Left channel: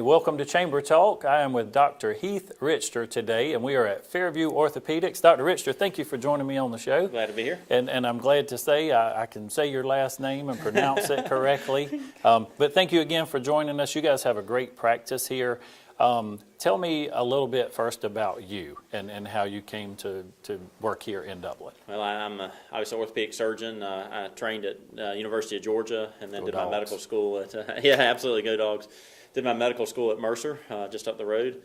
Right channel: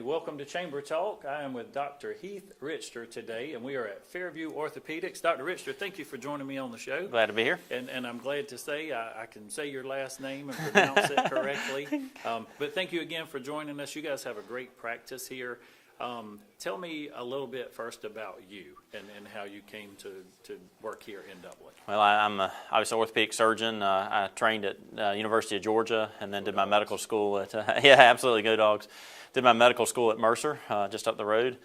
Hey, welcome to Chamber Talk. I am with Dr. Heath Richter today, and we are at Fairview Orthopedics. Dr. Richter, thank you for joining me on the show. Glad to be here. And I'm glad to say I can say your last name and pronounce it correctly. But thank you again for joining us. You guys have a great practice here. Tell me a little bit first about you and how you came to work here in Dublin. Well, I'm obviously an orthopedic surgeon. I trained at University of Georgia and then did my medical school at, yeah, absolutely, go Dogs. Did my medical school at Mercer, just up the road.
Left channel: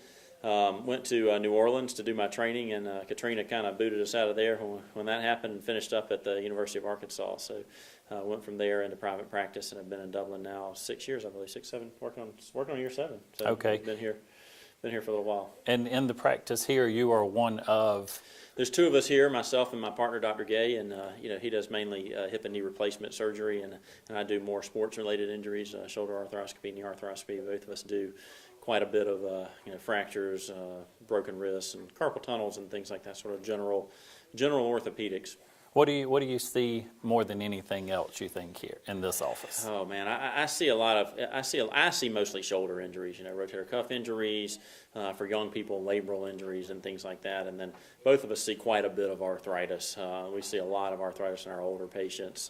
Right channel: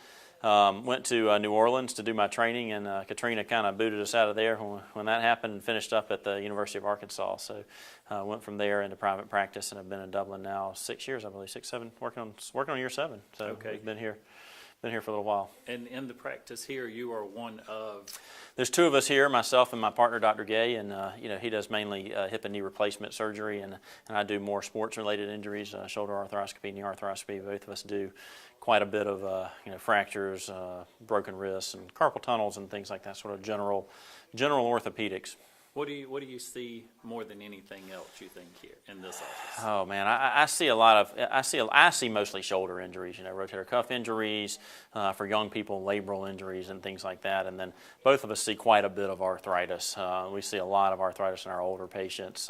Went to New Orleans to do my training, and Katrina kind of booted us out of there when that happened, and finished up at the University of Arkansas. So went from there into private practice, and have been in Dublin now 6 years, I believe, 6, 7, working on year 7. So okay. Been here for a little while. And in the practice here, you are one of? There's 2 of us here, myself and my partner, Dr. Gay, and he does mainly hip and knee replacement surgery, and I do more sports-related injuries, shoulder arthroscopy, knee arthroscopy. Both of us do quite a bit of fractures, broken wrists, and carpal tunnels, and things like that. Sort of general orthopedics. What do you see more than anything else, you think, here in this office? Oh man, I see a lot of I see mostly shoulder injuries, rotator cuff injuries, for young people, labral injuries and things like that. And then both of us see quite a bit of arthritis. We see a lot of arthritis in our older patients,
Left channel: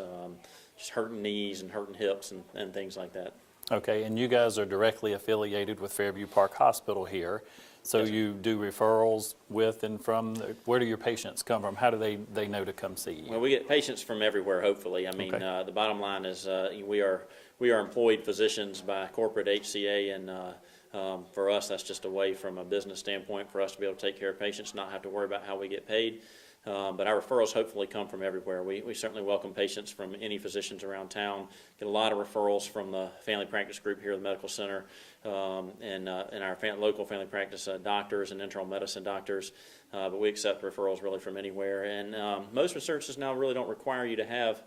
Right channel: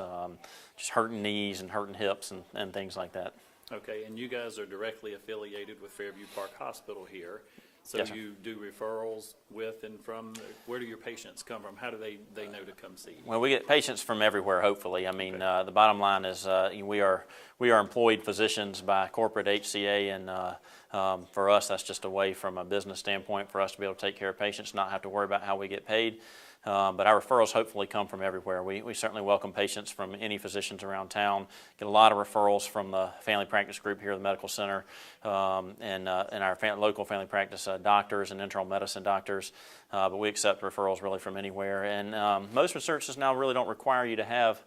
just hurting knees and hurting hips and things like that. Okay, and you guys are directly affiliated with Fairview Park Hospital here. So yes, you do referrals with and from, where do your patients come from? How do they know to come see you? Well, we get patients from everywhere, hopefully. I mean, okay. The bottom line is we are employed physicians by corporate HCA, and for us, that's just a way from a business standpoint for us to be able to take care of patients, not have to worry about how we get paid. But our referrals hopefully come from everywhere. We certainly welcome patients from any physicians around town. Get a lot of referrals from the family practice group here at the medical center, and our local family practice doctors and internal medicine doctors. But we accept referrals really from anywhere. And most researches now really don't require you to have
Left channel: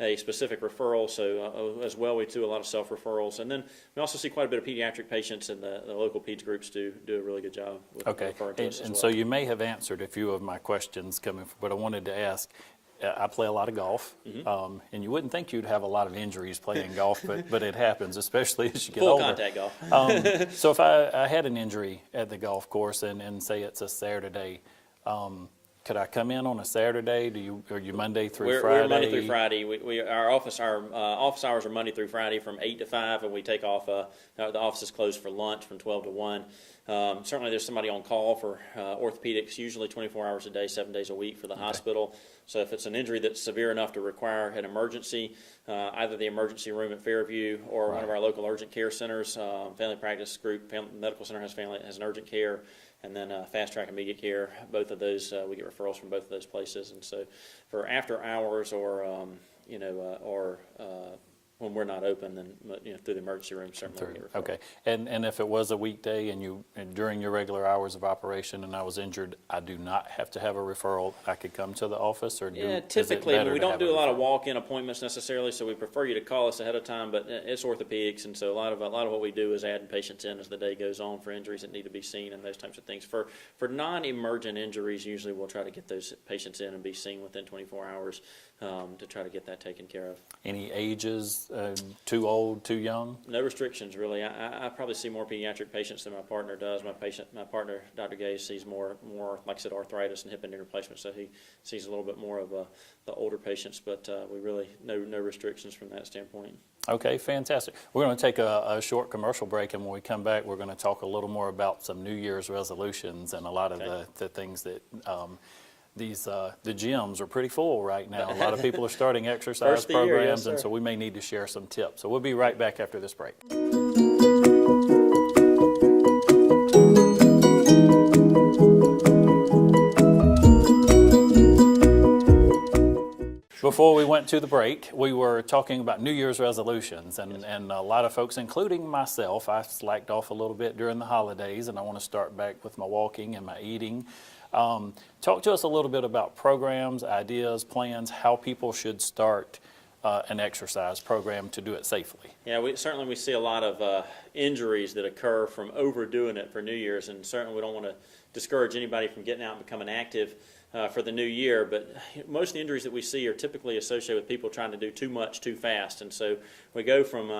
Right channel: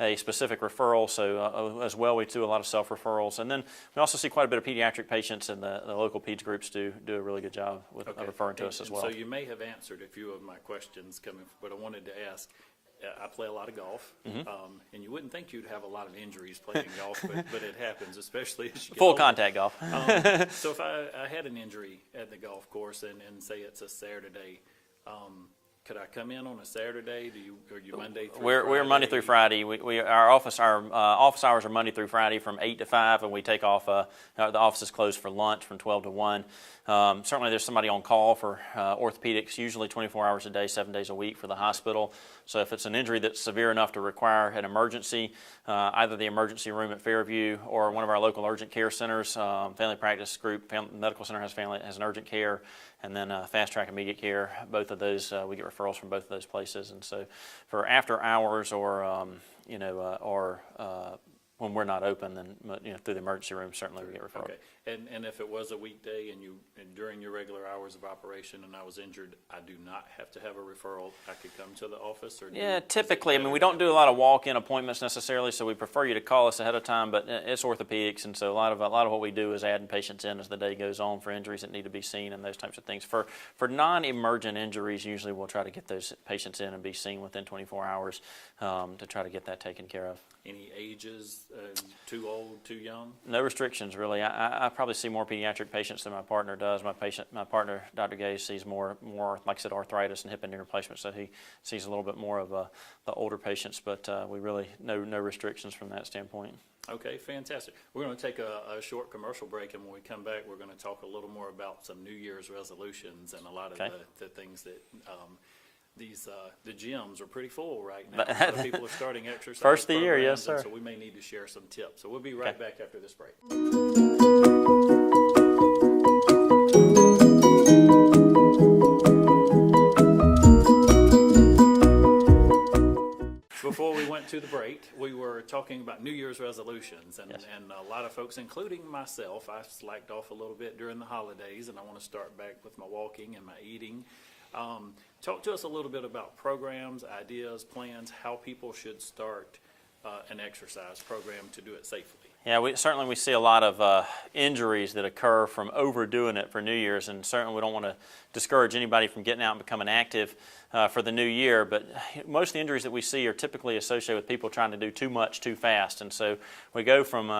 a specific referral, so as well we do a lot of self-referrals. And then we also see quite a bit of pediatric patients, and the local peds groups do a really good job with referring to us as well. So you may have answered a few of my questions coming, but I wanted to ask, I play a lot of golf, and you wouldn't think you'd have a lot of injuries playing golf, but it happens, especially as you get older. Full contact golf. So if I had an injury at the golf course and say it's a Saturday, could I come in on a Saturday? Are you Monday through Friday? We're Monday through Friday. Our office hours are Monday through Friday from 8 to 5, and we take off. The office is closed for lunch from 12 to 1. Certainly, there's somebody on call for orthopedics, usually 24 hours a day, 7 days a week for the hospital. So if it's an injury that's severe enough to require an emergency, either the emergency room at Fairview or one of our local urgent care centers, family practice group, medical center has an urgent care, and then fast track immediate care. Both of those, we get referrals from both of those places. And so for after hours or when we're not open, then through the emergency room, certainly we get referrals. Okay, and if it was a weekday and during your regular hours of operation and I was injured, I do not have to have a referral. I could come to the office, or typically. I mean, we don't do a lot of walk-in appointments necessarily, so we prefer you to call us ahead of time. But it's orthopedics, and so a lot of what we do is add patients in as the day goes on for injuries that need to be seen and those types of things. For non-emergent injuries, usually we'll try to get those patients in and be seen within 24 hours to try to get that taken care of. Any ages? Too old, too young? No restrictions, really. I probably see more pediatric patients than my partner does. My partner, Dr. Gay, sees more, like I said, arthritis and hip and knee replacement, so he sees a little bit more of the older patients, but we really, no restrictions from that standpoint. Okay, fantastic. We're going to take a short commercial break, and when we come back, we're going to talk a little more about some New Year's resolutions and a lot of the things that the gyms are pretty full right now. A lot of people are starting exercise programs, and so we may need to share some tips. So we'll be right back after this break. Before we went to the break, we were talking about New Year's resolutions, and a lot of folks, including myself, I slacked off a little bit during the holidays, and I want to start back with my walking and my eating. Talk to us a little bit about programs, ideas, plans, how people should start an exercise program to do it safely. Yeah, we see a lot of injuries that occur from overdoing it for New Year's, and certainly we don't want to discourage anybody from getting out and becoming active for the new year, but most of the injuries that we see are typically associated with people trying to do too much too fast, and so we go from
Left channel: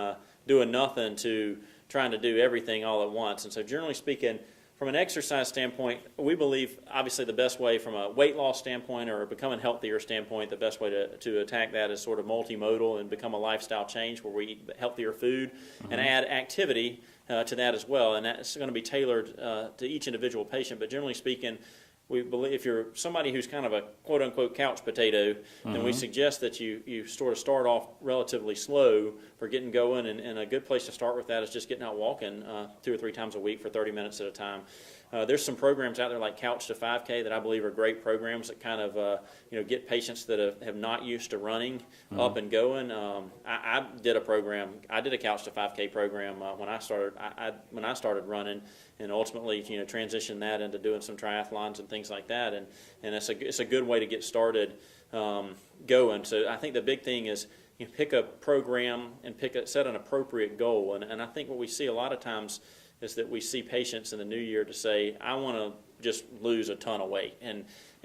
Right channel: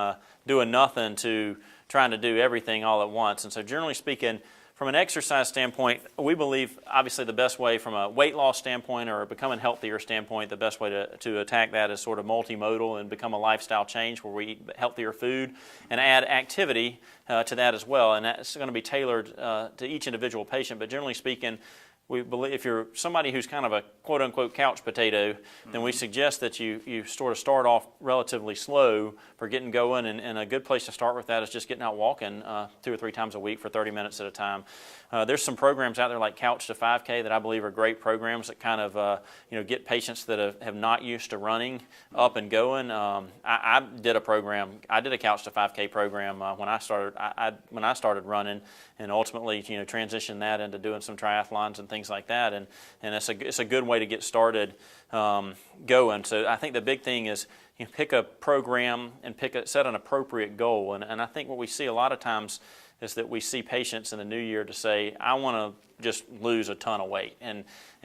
doing nothing to trying to do everything all at once. And so generally speaking, from an exercise standpoint, we believe obviously the best way from a weight loss standpoint or a becoming healthier standpoint, the best way to attack that is sort of multimodal and become a lifestyle change where we eat healthier food and add activity to that as well. And that's going to be tailored to each individual patient. But generally speaking, we believe if you're somebody who's kind of a quote-unquote couch potato, then we suggest that you sort of start off relatively slow for getting going, and a good place to start with that is just getting out walking 2 or 3 times a week for 30 minutes at a time. There's some programs out there like Couch to 5K that I believe are great programs that kind of get patients that have not used to running up and going. I did a program. I did a Couch to 5K program when I started running, and ultimately transitioned that into doing some triathlons and things like that. And it's a good way to get started going. So I think the big thing is pick a program and set an appropriate goal. And I think what we see a lot of times is that we see patients in the new year to say, I want to just lose a ton of weight. And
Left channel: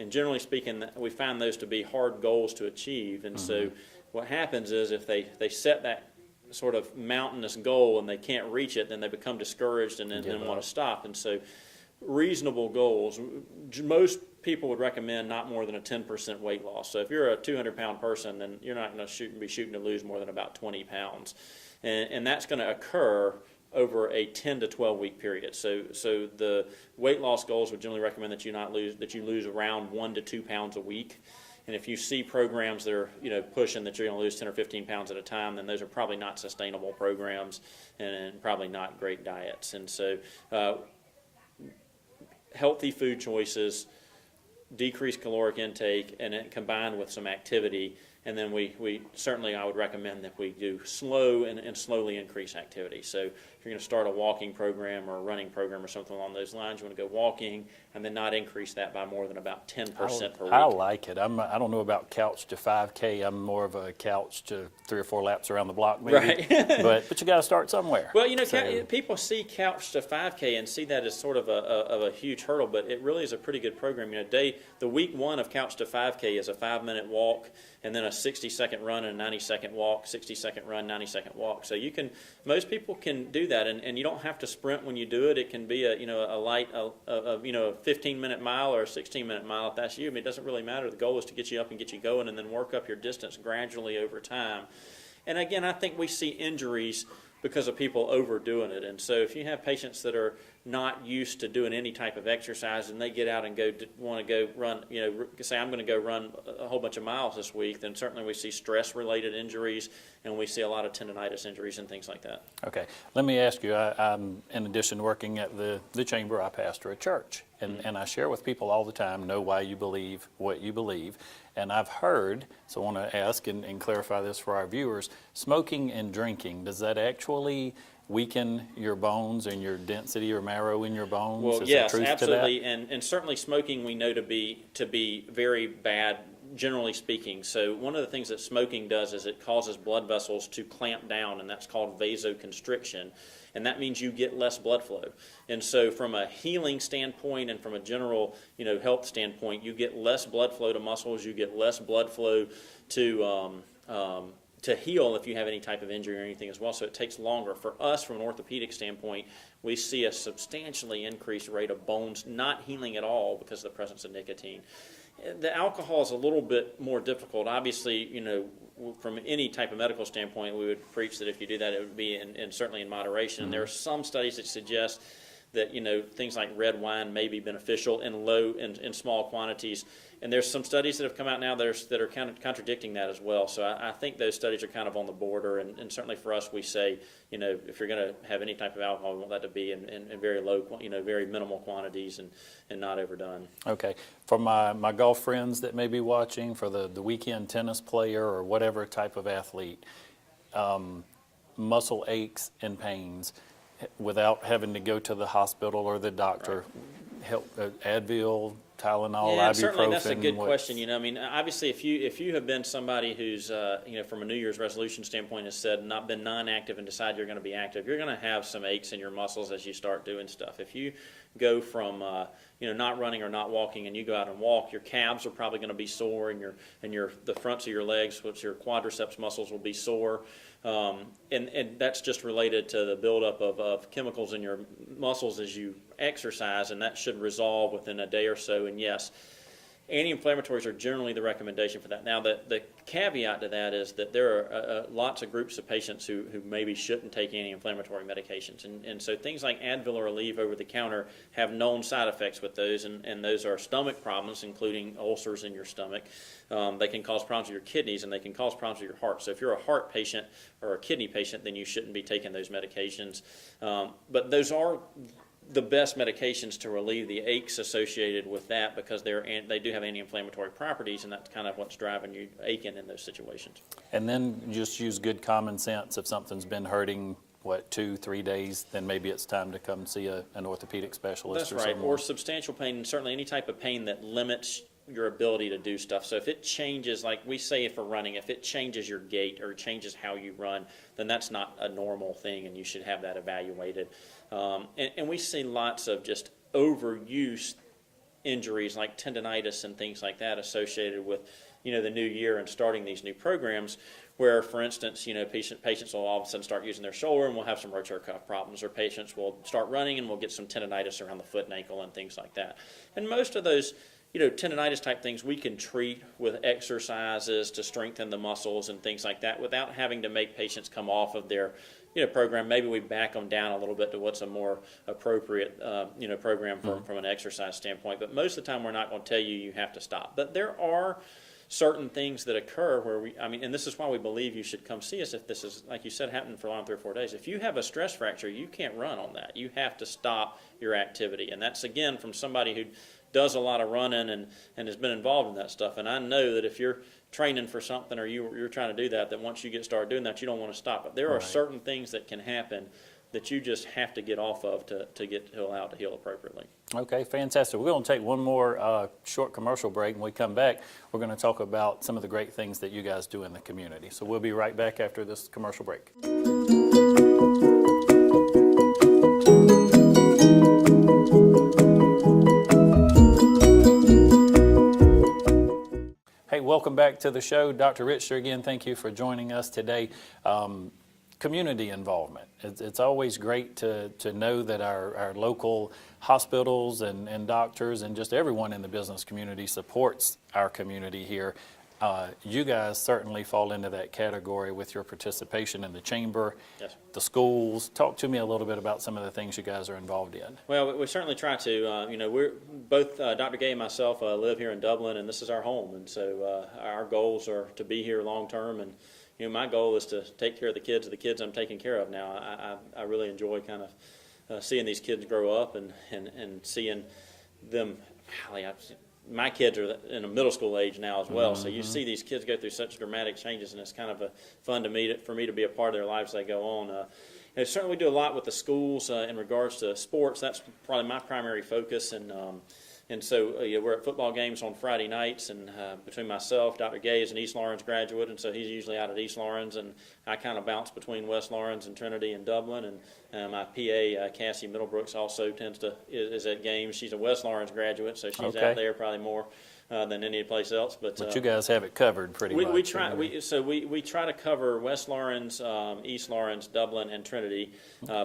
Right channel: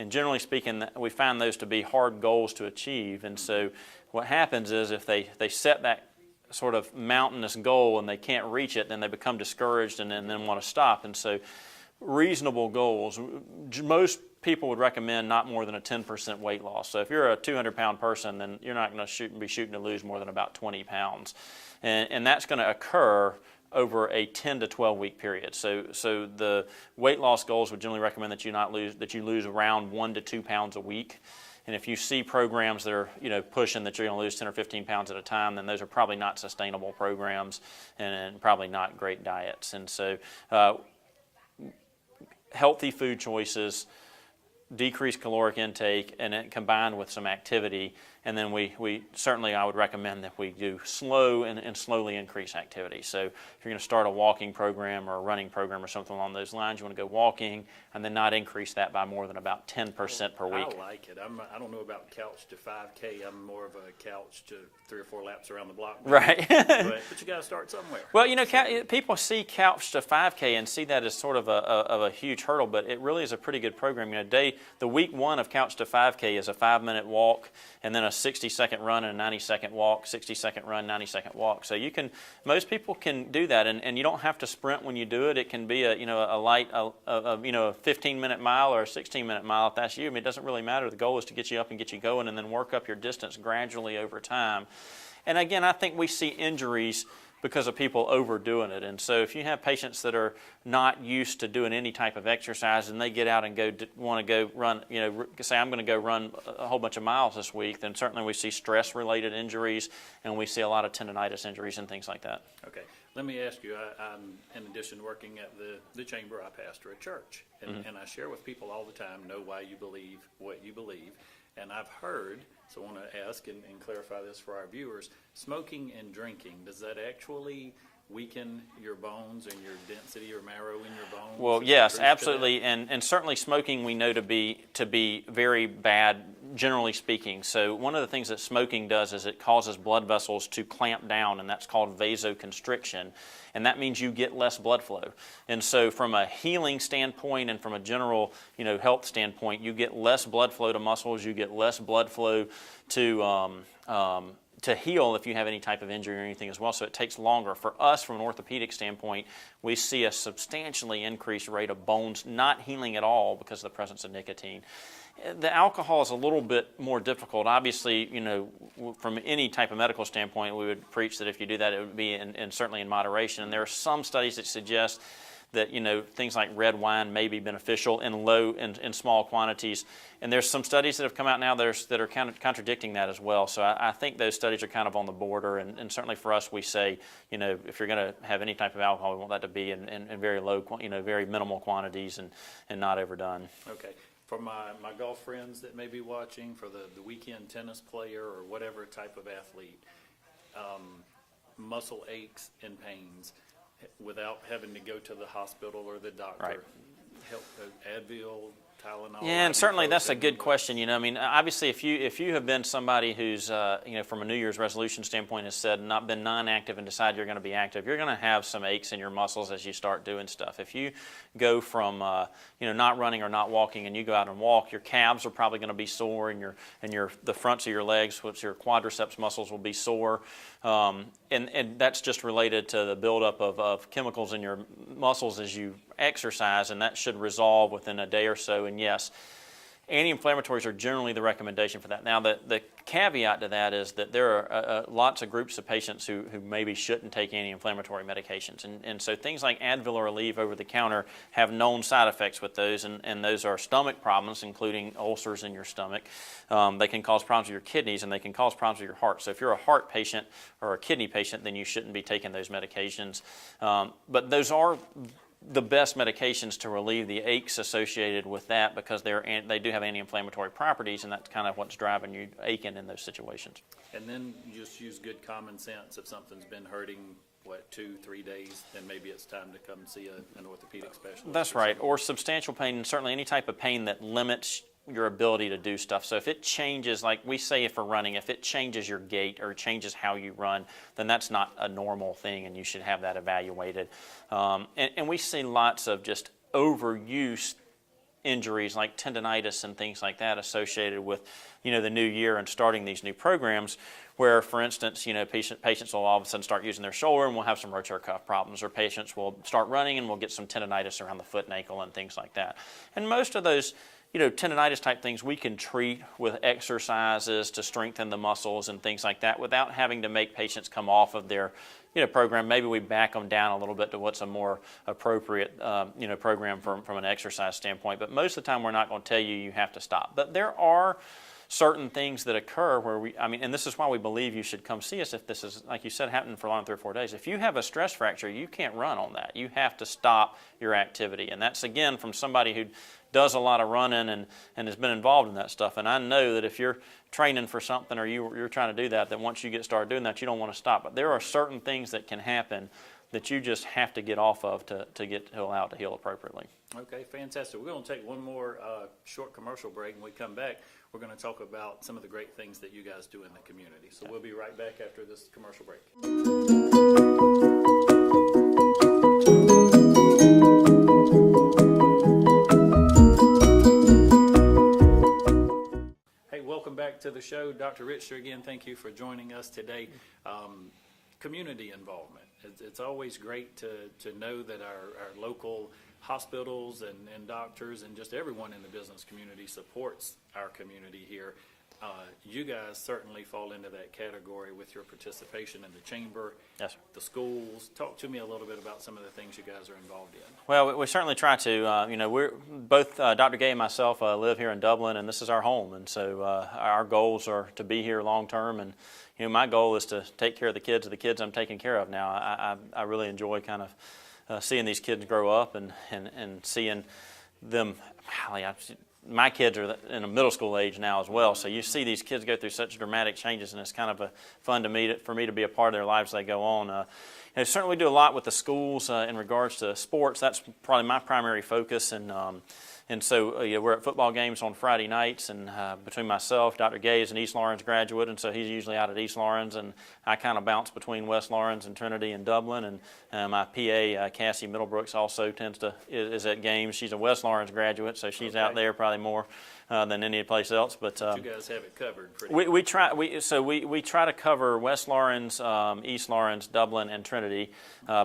generally speaking, we find those to be hard goals to achieve. And so what happens is if they set that sort of mountainous goal and they can't reach it, then they become discouraged and then want to stop. And so reasonable goals, most people would recommend not more than a 10% weight loss. So if you're a 200-pound person, then you're not going to be shooting to lose more than about 20 pounds. And that's going to occur over a 10 to 12 week period. So the weight loss goals would generally recommend that you lose around 1 to 2 pounds a week. And if you see programs that are pushing that you're going to lose 10 or 15 pounds at a time, then those are probably not sustainable programs and probably not great diets. And so healthy food choices, decreased caloric intake, and it combined with some activity. And then we certainly, I would recommend that we do slow and slowly increase activity. So if you're going to start a walking program or a running program or something along those lines, you want to go walking and then not increase that by more than about 10% per week. I like it. I don't know about couch to 5K. I'm more of a couch to 3 or 4 laps around the block, maybe. Right. but you got to start somewhere. Well, people see couch to 5K and see that as sort of a huge hurdle, but it really is a pretty good program. The week 1 of couch to 5K is a 5-minute walk and then a 60-second run and a 90-second walk, 60-second run, 90-second walk. So most people can do that, and you don't have to sprint when you do it. It can be a 15-minute mile or a 16-minute mile if that's you. I mean, it doesn't really matter. The goal is to get you up and get you going and then work up your distance gradually over time. And again, I think we see injuries because of people overdoing it. And so if you have patients that are not used to doing any type of exercise and they get out and want to go run, say I'm going to go run a whole bunch of miles this week, then certainly we see stress-related injuries and we see a lot of tendonitis injuries and things like that. Okay. Let me ask you, I'm in addition to working at the chamber, I pastor a church. And I share with people all the time, know why you believe what you believe. And I've heard, so I want to ask and clarify this for our viewers, smoking and drinking, does that actually weaken your bones and your density or marrow in your bones? Well, yes, absolutely. And certainly smoking we know to be very bad, generally speaking. So one of the things that smoking does is it causes blood vessels to clamp down, and that's called vasoconstriction. And that means you get less blood flow. And so from a healing standpoint and from a general health standpoint, you get less blood flow to muscles, you get less blood flow to heal if you have any type of injury or anything as well. So it takes longer. For us, from an orthopedic standpoint, we see a substantially increased rate of bones not healing at all because of the presence of nicotine. The alcohol is a little bit more difficult. Obviously, from any type of medical standpoint, we would preach that if you do that, it would be certainly in moderation. And there are some studies that suggest that things like red wine may be beneficial in small quantities. And there's some studies that have come out now that are kind of contradicting that as well. So I think those studies are kind of on the border. And certainly for us, we say, if you're going to have any type of alcohol, we want that to be in very low, very minimal quantities and not overdone. Okay. For my golf friends that may be watching, for the weekend tennis player or whatever type of athlete, muscle aches and pains without having to go to the hospital or the doctor, Right. help Advil, Tylenol, Yeah, and certainly that's a ibuprofen, good what- question. I mean, obviously, if you have been somebody who's, from a New Year's resolution standpoint, has said not been non-active and decide you're going to be active, you're going to have some aches in your muscles as you start doing stuff. If you go from, not running or not walking, and you go out and walk, your calves are probably going to be sore, and the fronts of your legs, which your quadriceps muscles, will be sore. And that's just related to the buildup of chemicals in your muscles as you exercise, and that should resolve within a day or so. And yes, anti-inflammatories are generally the recommendation for that. Now, the caveat to that is that there are lots of groups of patients who maybe shouldn't take anti-inflammatory medications. And so things like Advil or Aleve over the counter have known side effects with those, and those are stomach problems, including ulcers in your stomach. They can cause problems with your kidneys, and they can cause problems with your heart. So if you're a heart patient or a kidney patient, then you shouldn't be taking those medications. But those are the best medications to relieve the aches associated with that, because they do have anti-inflammatory properties, and that's kind of what's driving you aching in those situations. And then just use good common sense. If something's been hurting, 2-3 days, then maybe it's time to come see an orthopedic specialist. That's right, or substantial pain, and certainly any type of pain that limits your ability to do stuff. So if it changes, like we say for running, if it changes your gait or changes how you run, then that's not a normal thing, and you should have that evaluated. And we see lots of just overuse injuries like tendonitis and things like that associated with the new year and starting these new programs, where, for instance, patients will all of a sudden start using their shoulder and we'll have some rotator cuff problems, or patients will start running and we'll get some tendonitis around the foot and ankle and things like that. And most of those tendonitis type things we can treat with exercises to strengthen the muscles and things like that without having to make patients come off of their program. Maybe we back them down a little bit to what's a more appropriate program from an exercise standpoint. But most of the time we're not going to tell you have to stop. But there are certain things that occur where and this is why we believe you should come see us if this is, like you said, happening for long 3 or 4 days. If you have a stress fracture, you can't run on that. You have to stop your activity. And that's, again, from somebody who does a lot of running and has been involved in that stuff. And I know that if you're training for something or you're trying to do that once you get started doing that, you don't want to stop. But there are certain things that can happen that you just have to get off of to allow it to heal appropriately. Okay, fantastic. We're going to take one more short commercial break. When we come back, we're going to talk about some of the great things that you guys do in the community. So we'll be right back after this commercial break. Hey, welcome back to the show. Dr. Richter, again, thank you for joining us today. Community involvement. It's always great to know that our local hospitals and doctors and just everyone in the business community supports our community here. You guys certainly fall into that category with your participation in the chamber, yes, sir, the schools. Talk to me a little bit about some of the things you guys are involved in. Well, we certainly try to. We're both Dr. Gay and myself live here in Dublin, and this is our home. And so our goals are to be here long term. And my goal is to take care of the kids I'm taking care of now. I really enjoy kind of seeing these kids grow up and seeing them. My kids are in a middle school age now as well, so you see these kids go through such dramatic changes, and it's kind of fun for me to be a part of their lives as they go on. Certainly we do a lot with the schools in regards to sports. That's probably my primary focus, and so we're at football games on Friday nights, and between myself, Dr. Gay is an East Lawrence graduate, and so he's usually out at East Lawrence, and I kind of bounce between West Lawrence and Trinity and Dublin, and my PA, Cassie Middlebrooks, also is at games. She's a West Lawrence graduate, so she's out there probably more than any place else. But you guys have it covered pretty much. We try to cover West Lawrence, East Lawrence, Dublin, and Trinity,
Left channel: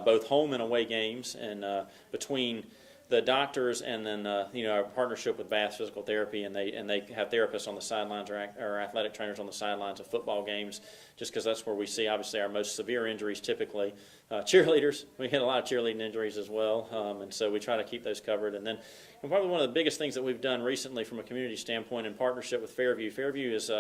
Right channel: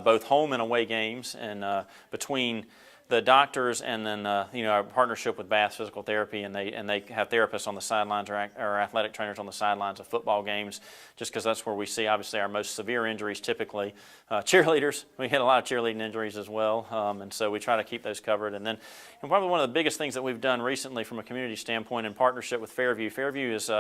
both home and away games, and between the doctors and then our partnership with Bath Physical Therapy, and they have therapists on the sidelines or athletic trainers on the sidelines of football games, just because that's where we see obviously our most severe injuries typically. Cheerleaders, we get a lot of cheerleading injuries as well, and so we try to keep those covered. And probably one of the biggest things that we've done recently from a community standpoint in partnership with Fairview is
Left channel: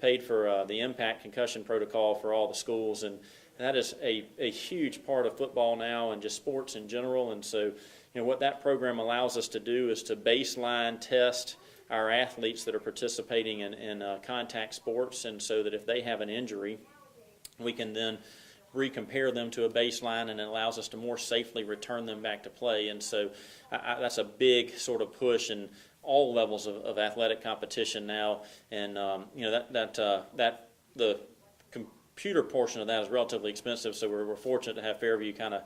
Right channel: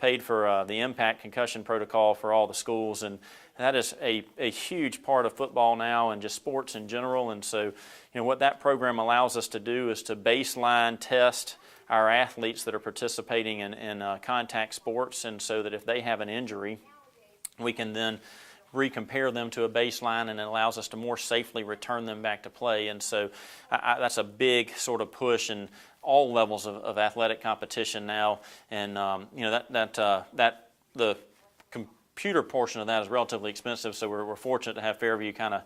paid for the impact concussion protocol for all the schools, and that is a huge part of football now and just sports in general. And so what that program allows us to do is to baseline test our athletes that are participating in contact sports, and so that if they have an injury, we can then recompare them to a baseline, and it allows us to more safely return them back to play. And so that's a big sort of push in all levels of athletic competition now. And the computer portion of that is relatively expensive, so we're fortunate to have Fairview kind of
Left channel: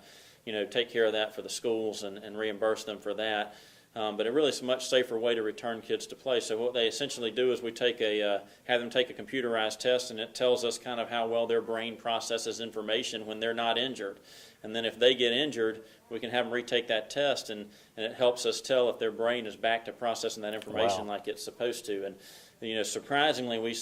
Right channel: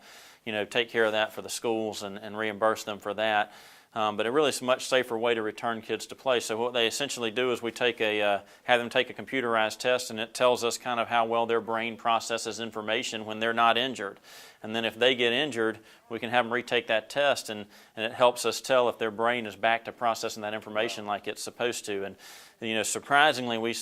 take care of that for the schools and reimburse them for that. But it really is a much safer way to return kids to play. So what they essentially do is we have them take a computerized test, and it tells us kind of how well their brain processes information when they're not injured. And then if they get injured, we can have them retake that test, and it helps us tell if their brain is back to processing that information like it's supposed to. And surprisingly, we've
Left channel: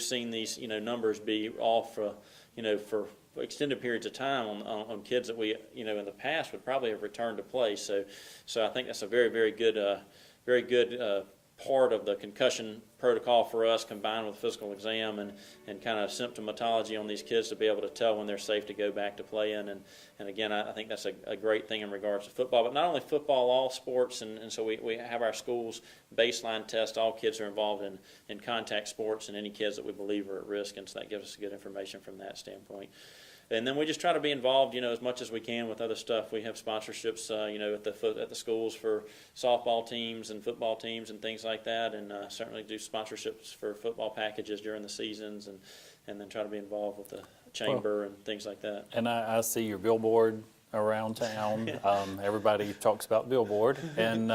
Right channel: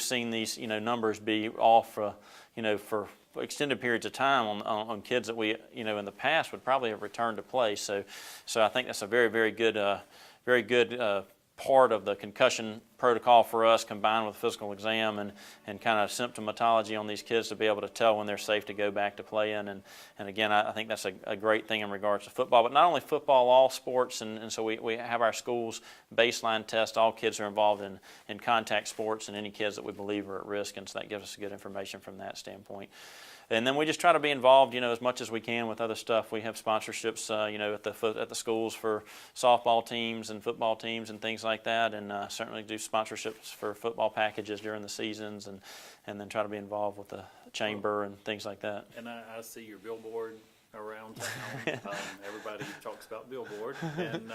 seen these numbers be off for extended periods of time on kids that we in the past would probably have returned to play. So I think that's a very, very good part of the concussion protocol for us, combined with physical exam and kind of symptomatology on these kids to be able to tell when they're safe to go back to playing. And again, I think that's a great thing in regards to football, but not only football, all sports. And so we have our schools baseline test all kids who are involved in contact sports and any kids that we believe are at risk, and so that gives us good information from that standpoint. And then we just try to be involved, as much as we can with other stuff. We have sponsorships, at the schools for softball teams and football teams and things like that, and certainly do sponsorships for football packages during the seasons, and then try to be involved with the chamber and things like that. And I see your billboard around town. Everybody talks about billboard, and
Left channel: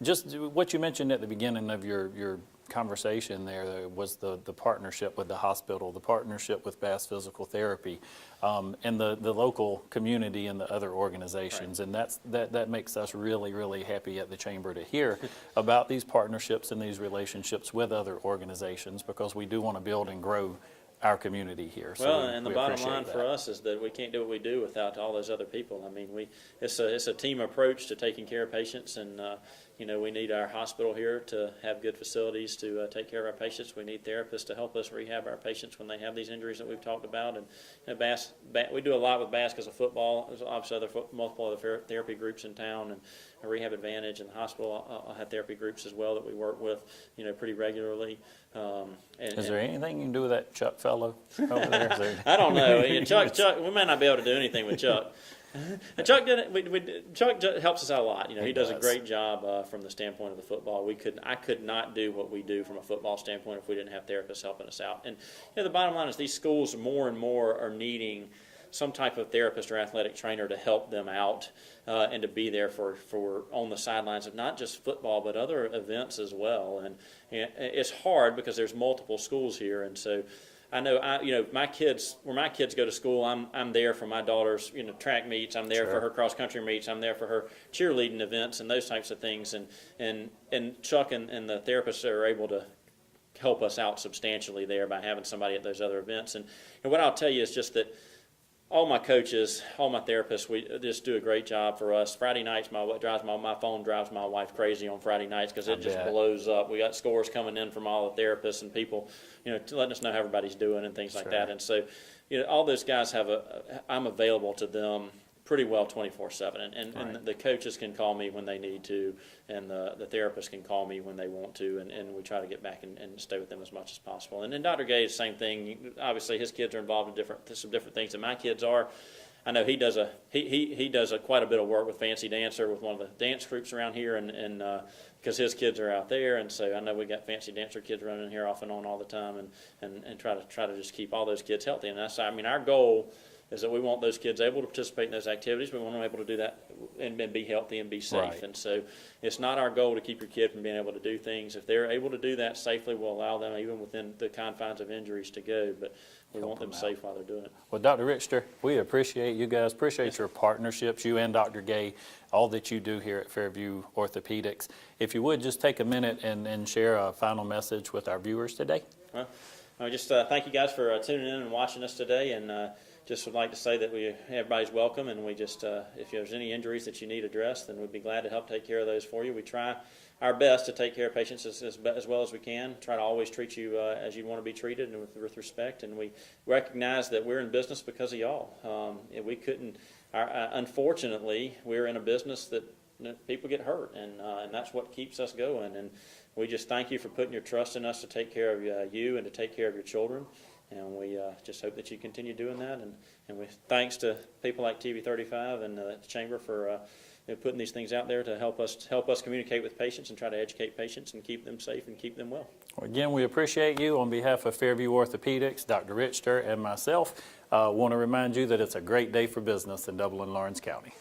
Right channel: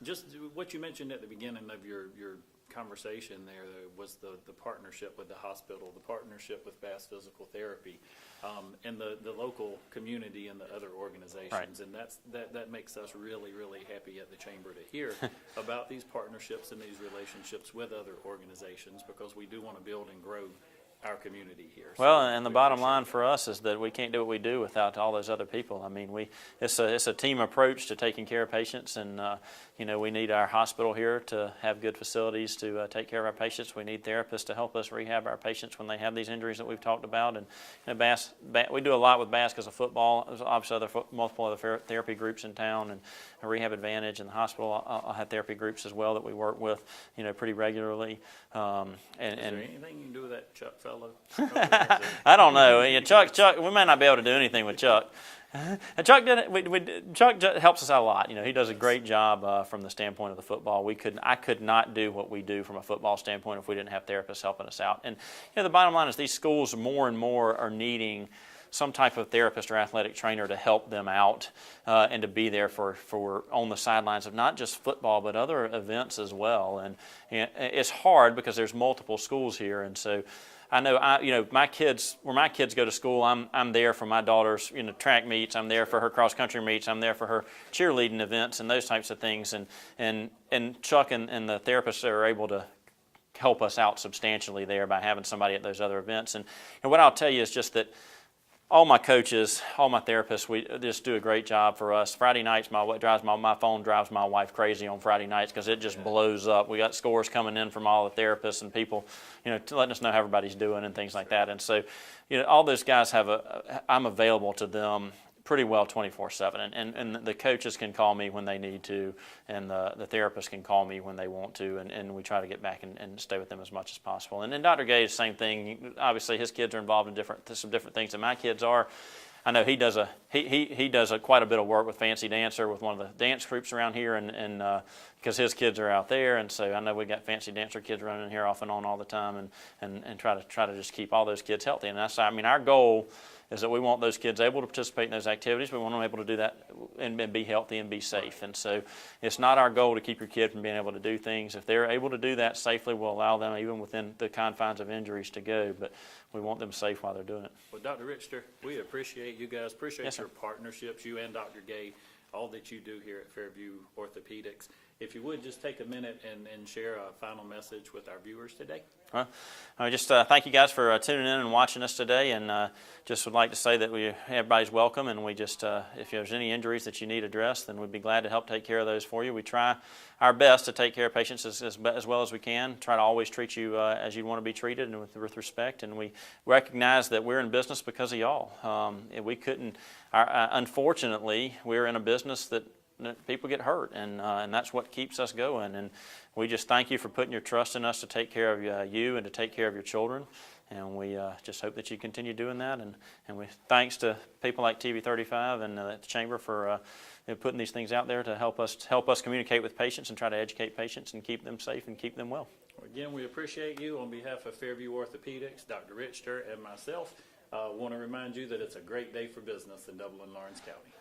just what you mentioned at the beginning of your conversation there was the partnership with the hospital, the partnership with Bass Physical Therapy, and the local community and the other organizations. Right. And that makes us really, really happy at the Chamber to hear about these partnerships and these relationships with other organizations, because we do want to build and grow our community here. Well, and the bottom line for us is that we can't do what we do without all those other people. I mean, it's a team approach to taking care of patients, and we need our hospital here to have good facilities to take care of our patients. We need therapists to help us rehab our patients when they have these injuries that we've talked about. And Bass, we do a lot with Bass because of football. There's obviously multiple other therapy groups in town, and Rehab Advantage and the hospital. I'll have therapy groups as well that we work with, pretty regularly. Is there anything you can do with that Chuck fellow over there? I don't know. Chuck, we may not be able to do anything with Chuck. And Chuck Chuck helps us out a lot. He does a great job from the standpoint of the football. I could not do what we do from a football standpoint if we didn't have therapists helping us out. And the bottom line is these schools more and more are needing some type of therapist or athletic trainer to help them out and to be there for on the sidelines of not just football but other events as well. And it's hard because there's multiple schools here, and so I know my kids, where my kids go to school, I'm there for my daughter's track meets, I'm there for her cross country meets, I'm there for her cheerleading events and those types of things, and Chuck and the therapists are able to help us out substantially there by having somebody at those other events. And what I'll tell you is just that all my coaches, all my therapists, we just do a great job for us. Friday nights, my phone drives my wife crazy on Friday nights because it just blows up. We got scores coming in from all the therapists and people, letting us know how everybody's doing and things like that. And so, all those guys I'm available to them pretty well 24/7, and the coaches can call me when they need to, and the therapists can call me when they want to, and we try to get back and stay with them as much as possible. And then Dr. Gay is the same thing. Obviously, his kids are involved in some different things than my kids are. I know he does quite a bit of work with Fancy Dancer with one of the dance groups around here, and because his kids are out there, and so I know we got Fancy Dancer kids running here off and on all the time, and try to just keep all those kids healthy. And our goal is that we want those kids able to participate in those activities. We want them able to do that and be healthy and be safe. Right. And so it's not our goal to keep your kid from being able to do things. If they're able to do that safely, we'll allow them, even within the confines of injuries, to go. But we want them safe while they're doing it. Well, Dr. Richter, we appreciate you guys, appreciate your partnerships, you and Dr. Gay, all that you do here at Fairview Orthopedics. If you would, just take a minute and share a final message with our viewers today. I just thank you guys for tuning in and watching us today, and just would like to say that everybody's welcome, and we just, if there's any injuries that you need addressed, then we'd be glad to help take care of those for you. We try our best to take care of patients as well as we can, try to always treat you as you'd want to be treated and with respect, and we recognize that we're in business because of y'all. We couldn't, unfortunately, we're in a business that people get hurt, and that's what keeps us going. And we just thank you for putting your trust in us to take care of you and to take care of your children. And we just hope that you continue doing that. And we thanks to people like TV35 and the Chamber for putting these things out there to help us communicate with patients and try to educate patients and keep them safe and keep them well. Well, again, we appreciate you. On behalf of Fairview Orthopedics, Dr. Richter, and myself, want to remind you that it's a great day for business in Dublin, Lawrence County.